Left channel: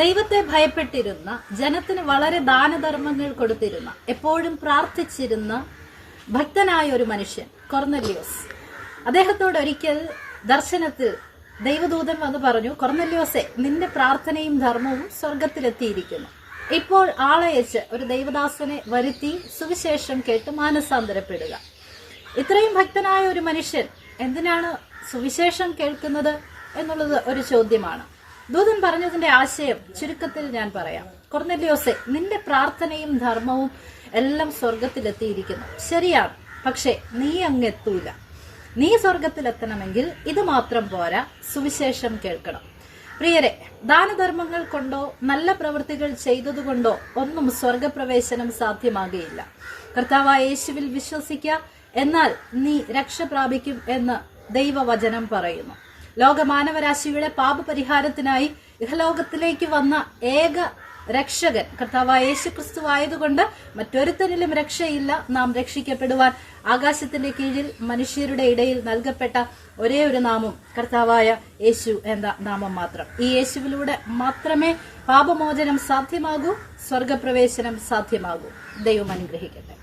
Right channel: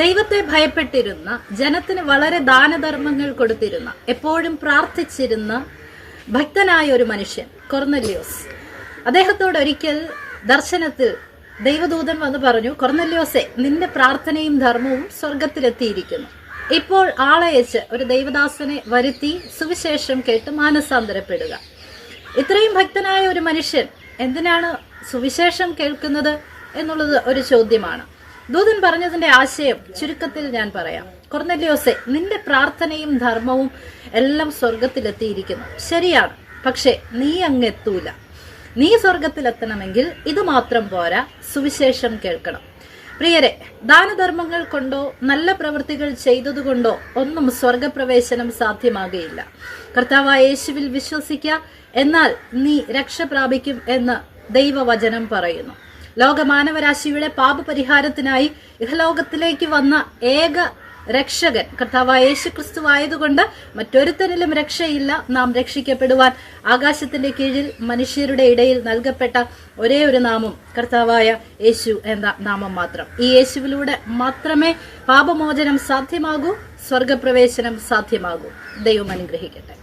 ദൈവത്തെ ഭയപ്പെട്ടിരുന്ന, ജനത്തിന് വളരെ ദാനധർമ്മങ്ങൾ കൊടുത്തിരുന്ന, എപ്പോഴും പ്രാർത്ഥിച്ചിരുന്ന ഭക്തനായ ഒരു മനുഷ്യൻ കൊർന്നല്യോസ്. അദ്ദേഹത്തോട് ഒരിക്കൽ ദർശനത്തിൽ ദൈവദൂതൻ വന്ന് പറഞ്ഞു, കൊർന്നല്യോസെ, നിന്റെ പ്രാർത്ഥനയും ധർമ്മവും സ്വർഗത്തിലെത്തിയിരിക്കുന്നു. ഇപ്പോൾ ആളയച്ച് ഒരു ദൈവദാസനെ വരുത്തി സുവിശേഷം കേട്ട് മാനസാന്തരപ്പെടുക. ഇത്രയും ഭക്തനായ ഒരു മനുഷ്യൻ എന്തിനാണ് സുവിശേഷം കേൾക്കുന്നത് എന്നുള്ളത് ഒരു ചോദ്യമാണ്. ദൂതൻ പറഞ്ഞതിന്റെ ആശയം ചുരുക്കത്തിൽ ഞാൻ പറയാം. കൊർന്നല്യോസെ, നിന്റെ പ്രാർത്ഥനയും ധർമ്മവും എല്ലാം സ്വർഗത്തിലെത്തിയിരിക്കുന്നു. ശരിയാണ്, പക്ഷെ നീ അങ്ങെത്തൂല. നീ സ്വർഗത്തിലെത്തണമെങ്കിൽ ഇത് മാത്രം പോരാ, സുവിശേഷം കേൾക്കണം. പ്രിയരെ, ദാനധർമ്മങ്ങൾ കൊണ്ടോ നല്ല പ്രവൃത്തികൾ ചെയ്തതുകൊണ്ടോ ഒന്നും സ്വർഗപ്രവേശനം സാധ്യമാകുകയില്ല. കർത്താവായ യേശുവിൽ വിശ്വസിക്കുക, എന്നാൽ നീ രക്ഷ പ്രാപിക്കും എന്ന് ദൈവവചനം പറയുന്നു. ലോകമാനവരാശിയുടെ പാപപരിഹാരത്തിനായി ഇഹലോകത്തിലേക്ക് വന്ന ഏക രക്ഷകൻ കർത്താവായ യേശുക്രിസ്തു ആയതുകൊണ്ട് മറ്റൊരുത്തനിലും രക്ഷയില്ല. നാം രക്ഷിക്കപ്പെടുവാൻ ആകാശത്തിന്റെ കീഴിൽ മനുഷ്യരുടെ ഇടയിൽ നൽകപ്പെട്ട ഒരേ ഒരു നാമം കർത്താവായ യേശു എന്ന നാമം മാത്രം. ഈ യേശുവിലൂടെ മാത്രമേ പാപമോചനം സാധ്യമാകൂ, സ്വർഗപ്രവേശനം സാധ്യമാകൂ. ദൈവം അനുഗ്രഹിക്കട്ടെ.